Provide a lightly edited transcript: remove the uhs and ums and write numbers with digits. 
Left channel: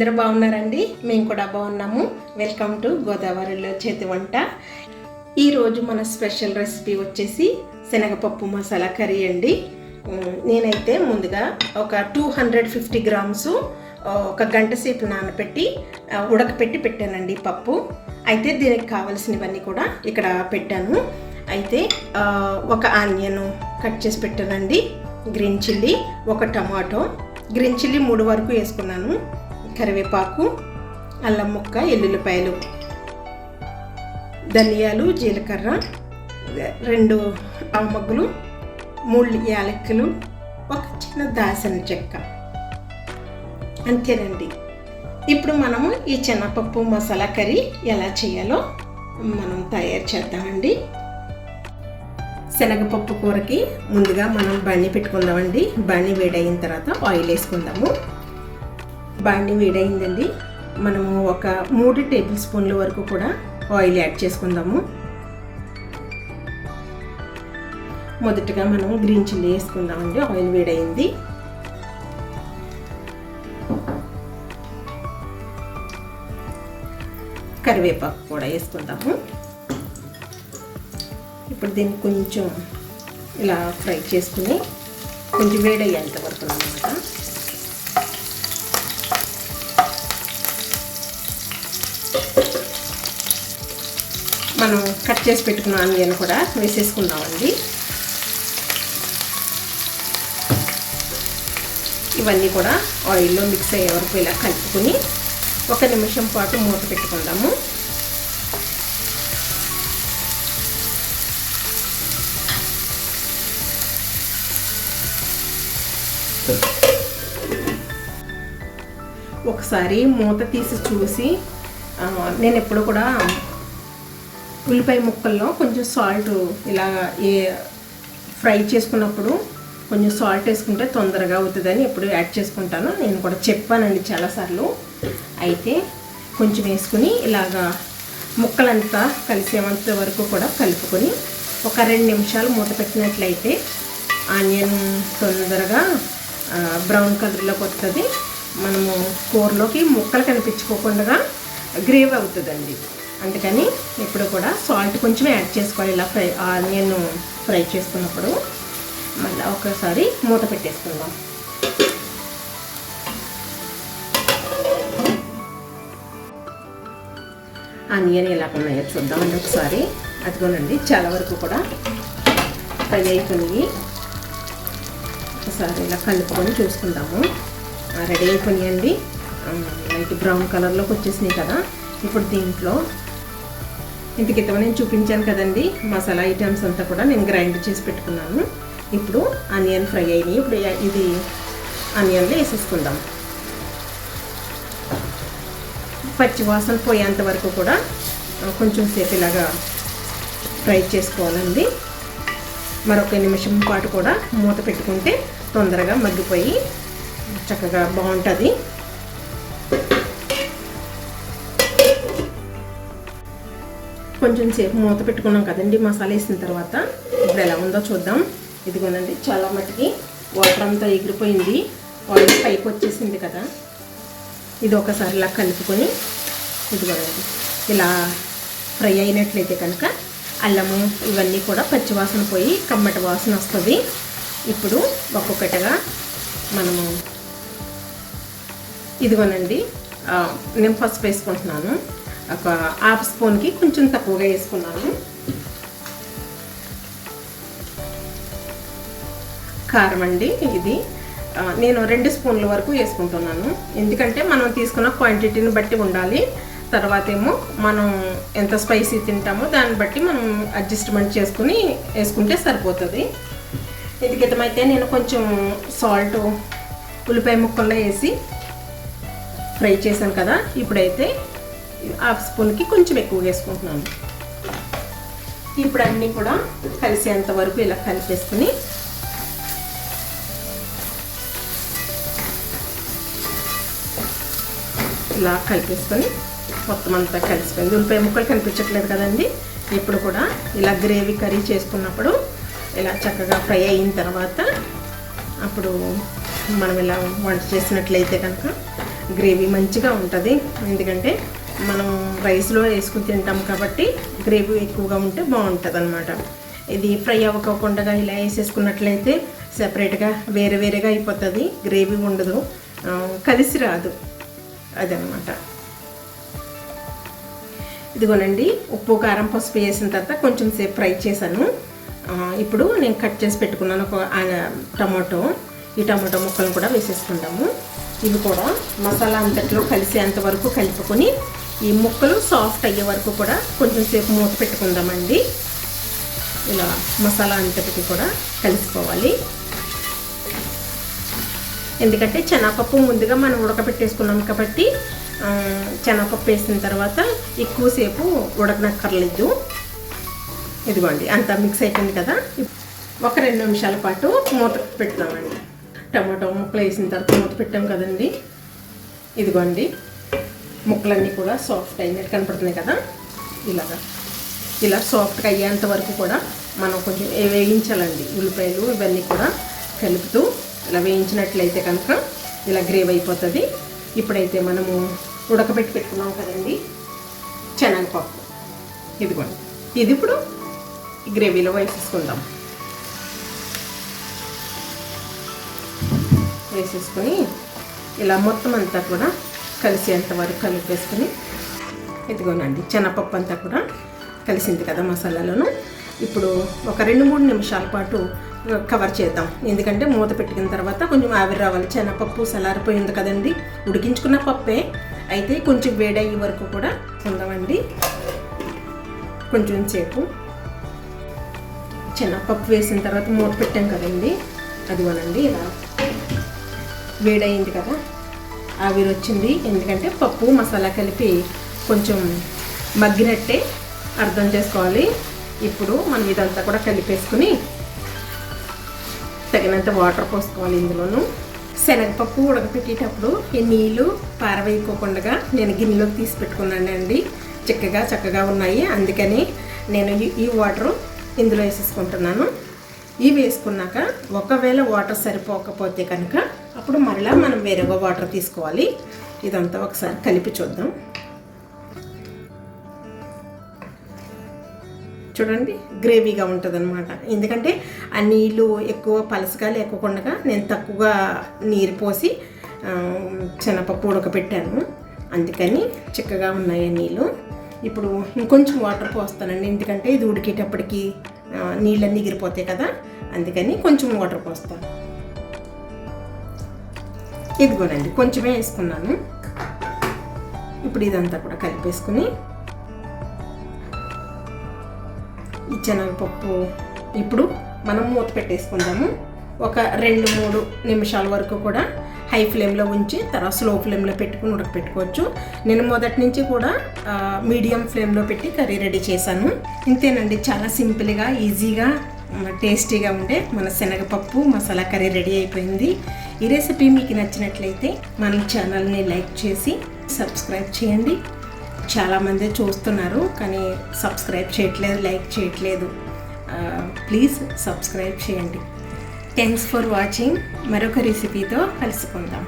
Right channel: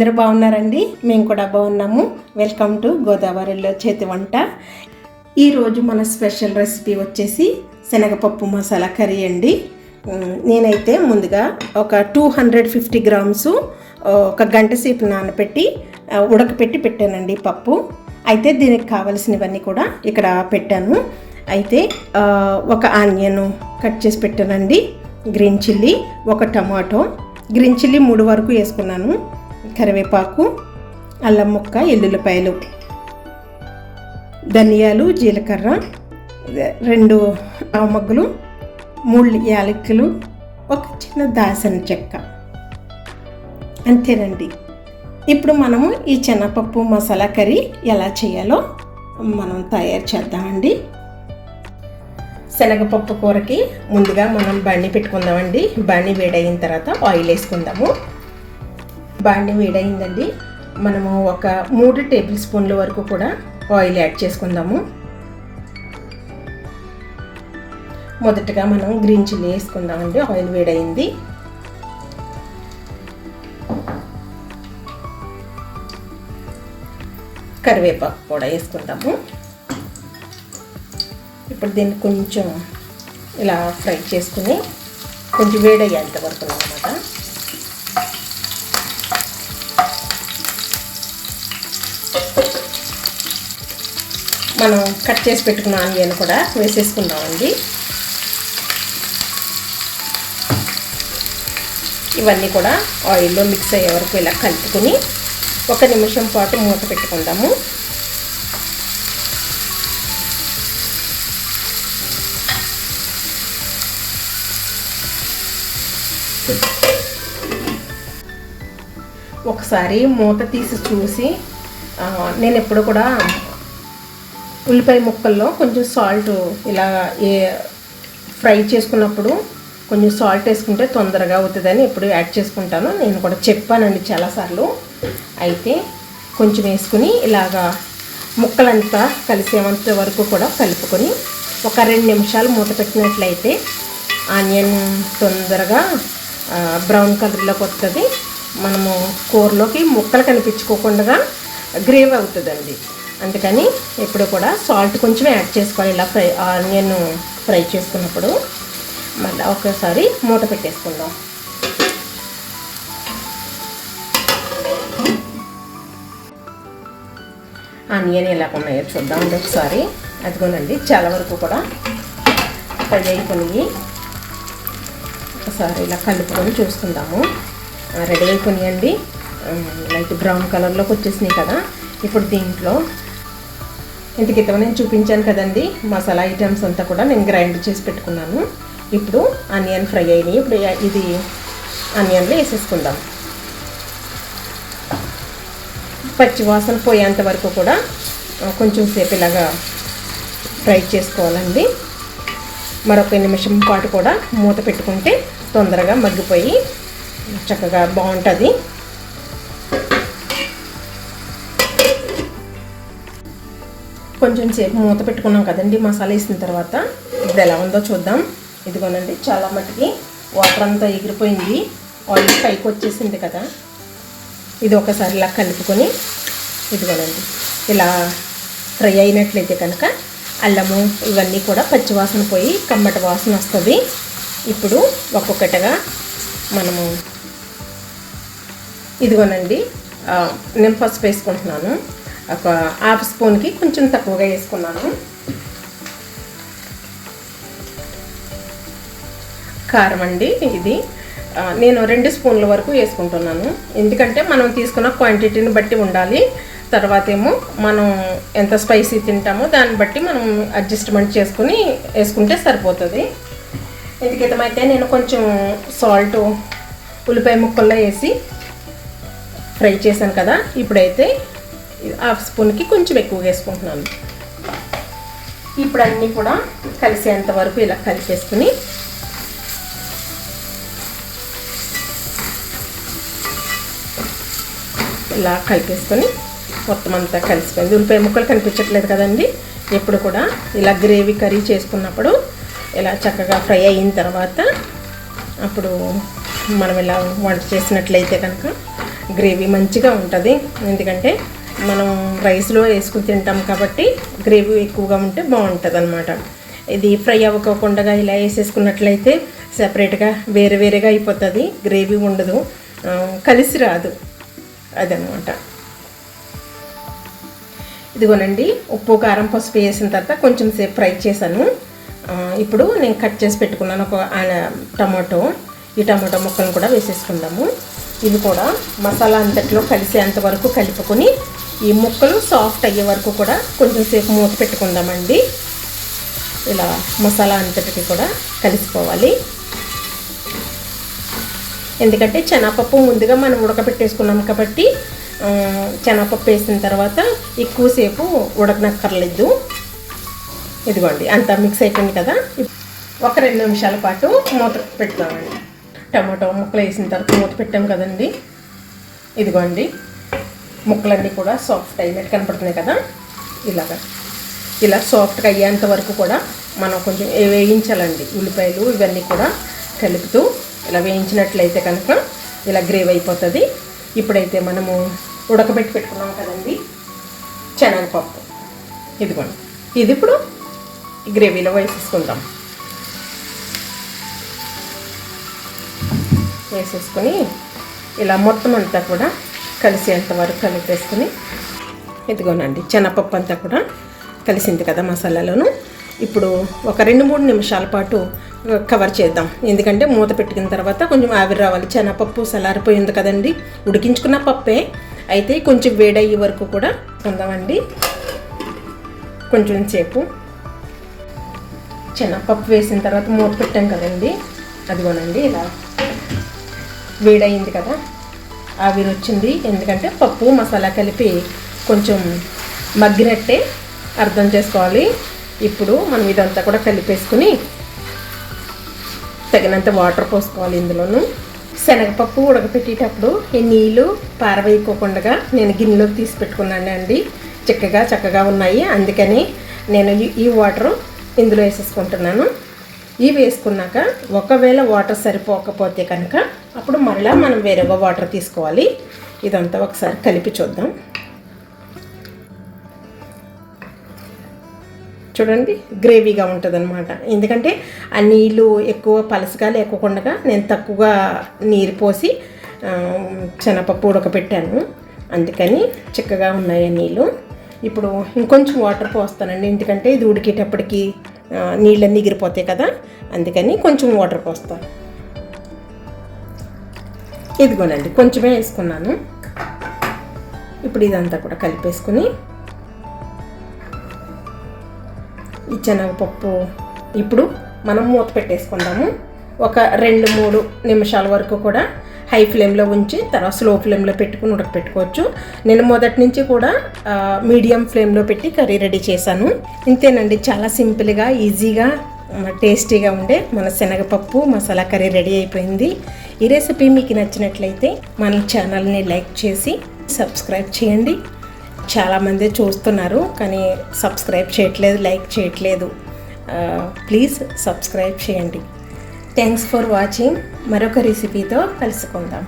అందరూ బాగున్నారండి. మేము కూడా బాగున్నాము. వెల్కమ్ టు గోదావరిలో చేతి వంట. ఈరోజు మన స్పెషల్ రెసిపీ వచ్చేసి శనగపప్పు మసాలా కర్రీ అండి. నేనైతే ముందుగా ఒక 250 గ్రామ్స్ ఒక గంట సేపు నానబెట్టి ఉడకపెట్టి పెట్టానండి పప్పు. అయితే దీనికి కావలసినవన్నీ కూడా ఇక్కడ పెట్టాను. అయితే ఒక ఆనియన్ కట్ చేసి పెట్టానండి, గ్రీన్ చిల్లీ, ఒక టమాటో, గ్రీన్ చిల్లీ 3 వరకు వేసుకున్నాను, కరివేపాకు, అల్లం ముక్క, ఎల్లుల్లిపాయలు, ధనియాలు, జీలకర్ర, 2 ఆమగ్గులు, 3 యాలక్కులు, ఒక చిన్న దాల్చిన చెక్క, అంతేనండి. ఇప్పుడు మనము ఈ శనగపప్పు మసాలా కర్రీ ఎలా చేయాలో మనం తయారు చేద్దామండి. శనగపప్పు కూరకి ముందుగా మనం బాణీ పెట్టుకుందామండి. బాణీ వేడైన తర్వాత ఆయిల్ వేసుకుందాము. బాణీ వేడైందండి. మనము ఒక 3 టేబుల్ స్పూన్ల వరకు కూడా ఆయిల్ యాడ్ చేసుకుందాము. మొదటగా మనం గ్రీన్ చిల్లీ వేసుకుందామండి. ఆయిల్ వేడైంది. కరివేపాకు కూడా వేసుకుందాము. ఇప్పుడు దీన్ని కొంచెం ఇలా ఫ్రై చేసుకుని కొంచెం వేడయ్యేంత వరకు అన్నమాట. మనం కట్ చేసి పెట్టుకున్న ఆనియన్ కూడా వేసేసుకుందామండి. ఇవన్నీ కూడా ఆయిల్లో మిక్స్ అయ్యే వరకు ఇలా కలుపుకొని 1 నిమిషం పాటు మూత పెట్టుకుందాము. ఒకసారి మూత తీసి చూసి నేను ఎప్పుడు కూడా ఉల్లిపాయ ముక్కల్లో కొంచెం సాల్ట్ ఇలా ఫ్రై చేసుకున్నప్పుడు కొంచెం సాల్ట్ వేసుకుంటే తొందరగా అవుతుందని ఎప్పుడు యాడ్ చేసుకుంటాను. నేను కూడా చెప్పానండి చాలాసార్లు. అయితే కొంచెం వేసుకుని ఇలాగా ముక్కలంతా కలిసేంత వరకు కూడా కలుపుకొని ఒక 2 నిమిషాలు మూత పెట్టినట్లయితే ఆనియన్ తొందరగా బ్రౌన్ కలర్లోకి వస్తుంది. మనము కూరలోకి ముక్కలు కనిపించుకోకుండా గ్రేవీ అవుతుందండి. అందుకని ఇప్పుడు కూడా సాల్ట్ కొంచెం యాడ్ చేసుకోవాలి. ఇలా ఆనియన్ ఫ్రై చేసుకున్నప్పుడు మళ్ళీ ఒకసారి మూత పెట్టేసుకుందాం. ఆనియన్ ఎలా ఉన్నాయో చూద్దామండి ఒకసారి. అదిగోనండి, చాలా వరకు కూడా ఫ్రై అయిపోయి ఒకసారి ఇలా కలుపుకొని చూసుకుందాము. రెడీ అయిపోయినాయండి. లైట్ బ్రౌన్ కలర్లోకి వచ్చేసినాయి కదా. ఇప్పుడు దీంట్లో ఇంత క్రితం నేను చూపించాను కదండి మసాలా ఐటమ్స్ అంతా కూడా నేను గ్రైండ్ చేసి పెట్టుకున్నాను. ఇప్పుడు ఆనియన్ ఫ్రై అయినాయి. ఇప్పుడు ఇది ఆనియన్లో వేసేసుకుందాం. పచ్చి వాసన పోయేంత వరకు కూడా కొంచెం సేపు ఇలాగా ఫ్రై చేసుకోవాలండి. మరొక నిమిషం పాటు కూడా మూత పెట్టుకుంటే తొందరగా మగ్గిపోయి చక్కగా బాగుంటుంది. కొంచెం సేపు మూత పెట్టుకున్నాం కదండి మసాలా వేసిన తర్వాత. ఇప్పుడు ఎలా ఉందో చూద్దాం. ఇదిగోనండి, చాలా మట్టుకి వాటర్ అంతా ఎగిరిపోయింది, ఆయిల్ పైకి వచ్చేసింది కదా. ఇది ఒకసారి ఇలా కలుపుకొని ఇదిగోనండి ఇలా ఫ్రై అయినట్లయితే కనుక అల్లము ఇవన్నీ కూడా పచ్చి వాసన పోయి కమ్మటి వాసన వస్తుంది. ఇప్పుడు ఒక్కొక్కటిగా మనము ఇదిగోనండి నేను ఫస్ట్ వేసుకుంటున్నాను. ఒక 1/2 స్పూన్కి కొంచెం తక్కువగా వేసుకున్నాను. కారం అండి, ఇది నేను 2 స్పూన్ల వరకు వేసుకుంటున్నాను. ఎందుకంటే మనం తీసుకున్న క్వాంటిటీని బట్టి ఉండాలి. తర్వాత ఏమో మనం ఎంత స్పైసీ తింటామో దాన్ని బట్టి మనం అడ్జస్ట్మెంట్ చేసుకుని వేసుకుంటే సరిపోతుంది. ఎందుకైతే నేను కొంచెం సాల్ట్ ఉల్లిపాయ ముక్కల్లో వేసి ఫ్రై చేశాను కదా. ఇప్పుడైతే 1/2 స్పూన్కి కొంచెం ఎక్కువ వేసుకుంటున్నాను. ఇప్పుడు అన్నీ కూడా కలిసేంత వరకు ఇలా కలిపేసుకుని ఇలా కలిపేసుకొని మొత్తం అంతా కలిసిపోయింది. ఉల్లిపాయ ముక్కలు కనిపించట్లేదు కదండి. ఎప్పుడు కూడా ఇలా గ్రేవీ కర్రీ చేసుకున్నప్పుడు ఇలా చక్కగా ఫ్రై అయిన తర్వాత అప్పుడు మనం ఇలా వంట చేసినట్లయితే కనుక గ్రేవీ మంచిగా ఉంటుంది. ఎందుకంటే మనం రైస్లో వేసుకుని తింటాం కాబట్టి గ్రేవీ ఎక్కువగా ఉంటే బాగుంటుంది అన్నమాట. ఇది ఫ్రై అవ్వకుండా ఇలా వేసేసుకున్నట్లయితే సెపరేట్గా వేరే వేరేగా అయిపోతుంది, గ్రేవీ ఉండదు, కలిసి రాదు అదనమాట. ఇదిగోనండి, ఉప్పు కారం పసుపు వేసిన తర్వాత కొంచెం సేపు ఫ్రై చేశాను. ఇప్పుడు నేను కట్ చేసి పెట్టుకున్నాను ఒక టమాటో. ఈ టమాటో ముక్కలను కూడా వేసేసుకుంటాము. ఇవి కూడా మసాలా అంతట్లో కలిసేంత వరకు కలుపుకొని ఈ ముక్కలు సాఫ్ట్ అయ్యే వరకు కూడా కొంచెం సేపు మూత పెట్టుకుందామండి. ఇలా మసాలా అంతటికి కూడా కలిసిపోవాలి. ఎందుకంటే శనగపప్పు ముందుగా మనం ఉడకబెట్టేసుకున్నాం కాబట్టి శనగపప్పు వేసిన తర్వాత ఎక్కువసేపు ఉడకనక్కర్లేదు. ఇదిగోండి, అంతా మిక్స్ అయిపోయింది కదా. ఒక 2 నిమిషాల పాటు మూత పెడతామండి. టమాటో ముక్కలు వేసిన తర్వాత మూత పెట్టాం కదండి. ఇదిగోండి, ముక్కలన్నీ కూడా సాఫ్ట్ అయినట్టు కనపడుతున్నాయి కదా. ఇలా సాఫ్ట్గా అయ్యేంత వరకు కూడా మనం కొంచెం వేయించాలండి. ఉల్లిపాయలు ఇవన్నీ కూడా కలుపుతూ ఇలా వేయించినట్లయితే కనుక ఇలా గ్రేవీ అయిపోతుంది. ఇప్పుడైతే మనము ఉడకబెట్టి పెట్టుకున్నాం కదండి శనగపప్పు, ఇదిగోండి, ఇది ఇప్పుడు గ్రేవీలో వేసేసుకొని ఇలా మొత్తం అంతా కూడా కలిసేంత వరకు కలిపేసుకొని, ఇదిగోనండి శనగపప్పు అంతా కూడా కలిసింది కదా మసాలాలను. ఇప్పుడు ఒక 2-3 నిమిషాల పాటు కవర్ చేద్దాం. ఎందుకంటే మూత పెట్టుకున్న తర్వాత కొంచెం ఆవిరి రావాలి. శనగపప్పు చల్లారిపోయింది కదండి, ఉడికించుకున్న పప్పే అయితే కొంచెం వేడయ్యే వరకు కూడా ఉందామండి. కొంచెం సేపు శనగపప్పు వేసిన తర్వాత మూత పెట్టాం కదండి. అదిగోనండి, ఇలా వేడయింది కదా, ఆవిరి వచ్చింది. ఎందుకంటే పప్పు మసాలా కలిపి కొంచెం మగ్గినట్టే అర్థం చేసుకోవాలి. ఇప్పుడు మనం ఇదంతా కూడా కలిపేసుకుని తగినంత వాటర్ పోసుకోవాలి. ఇందులోనూ శనగపప్పు ఉడకపెట్టేటప్పుడు ఈ నీళ్ళు పారవేయకోకుండా నేను గిన్నెలోకి తీసి పెట్టుకున్నానండి. చక్కగా ఉన్నాయి. అందుకని నేను ఈ వాటర్ ఇందులో వేసేసుకుంటున్నాను. ఇవి వేసుకున్నాక ఒకవేళ వాటర్ సరిపోకపోతే కనుక అప్పుడు మళ్ళీ మనం వేరేగా వాటర్ తీసుకోవాలి. ఇదంతా ఒకసారి కలిపి చూద్దాం. చూడండి, గ్రేవీగా ఉంటుంది అనమాట. ఎందుకంటే ఆ నీళ్ళు ఎక్కువ పలసగా లేకుండా నేను తక్కువగా నీరు పోసి శనగపప్పు ఉడకపెట్టాను, అందుకని చిక్కగా ఉన్నాయి నీళ్ళు. ఇప్పుడు ఇంకొంచెం వాటర్ పోస్తానండి, ఎందుకంటే ఇది ఉడికేటప్పటికి నీళ్ళన్నీ ఎగిరిపోతాయి కదా, అందుకని కొంచెం వాటర్ పోస్తాను. ఇదిగోనండి, కొంచెమే వేసుకున్నాను. ఇప్పుడు ఇదంతా కూడా కలిపేసుకుని ఈ శనగపప్పు ఇప్పుడు మనం మూత పెట్టేసుకుందాము. ఒక 2-3 నిమిషాల వరకు కూడా హై ఫ్లేమ్లో ఉంచి తర్వాత స్లో ఫ్లేమ్లో పెట్టుకుని ఉడకపెట్టుకోవచ్చు. నేను మొదటి నుంచి కూడా మీడియం ఫ్లేమ్లో పెట్టి కర్రీ రెడీ చేశాను. ఇంతేనండి, చాలా సింపుల్గా ఈజీగా టేస్టీగా ఉండే మన శనగపప్పు మసాలా కర్రీ రెడీ అయిపోయింది. ఈ రెసిపీ మీకు నచ్చినట్లయితే మన ఛానల్ని లైక్ చేసి సబ్స్క్రైబ్ చేయండి. చాలామంది చూస్తున్నారు కానీ సబ్స్క్రైబ్ చేయట్లేదు, లైక్ చేయట్లేదు. ప్లీజ్ సబ్స్క్రైబ్ చేయండి. Thanks for watching. మరొక రెసిపీతో కలుసుకుందాం.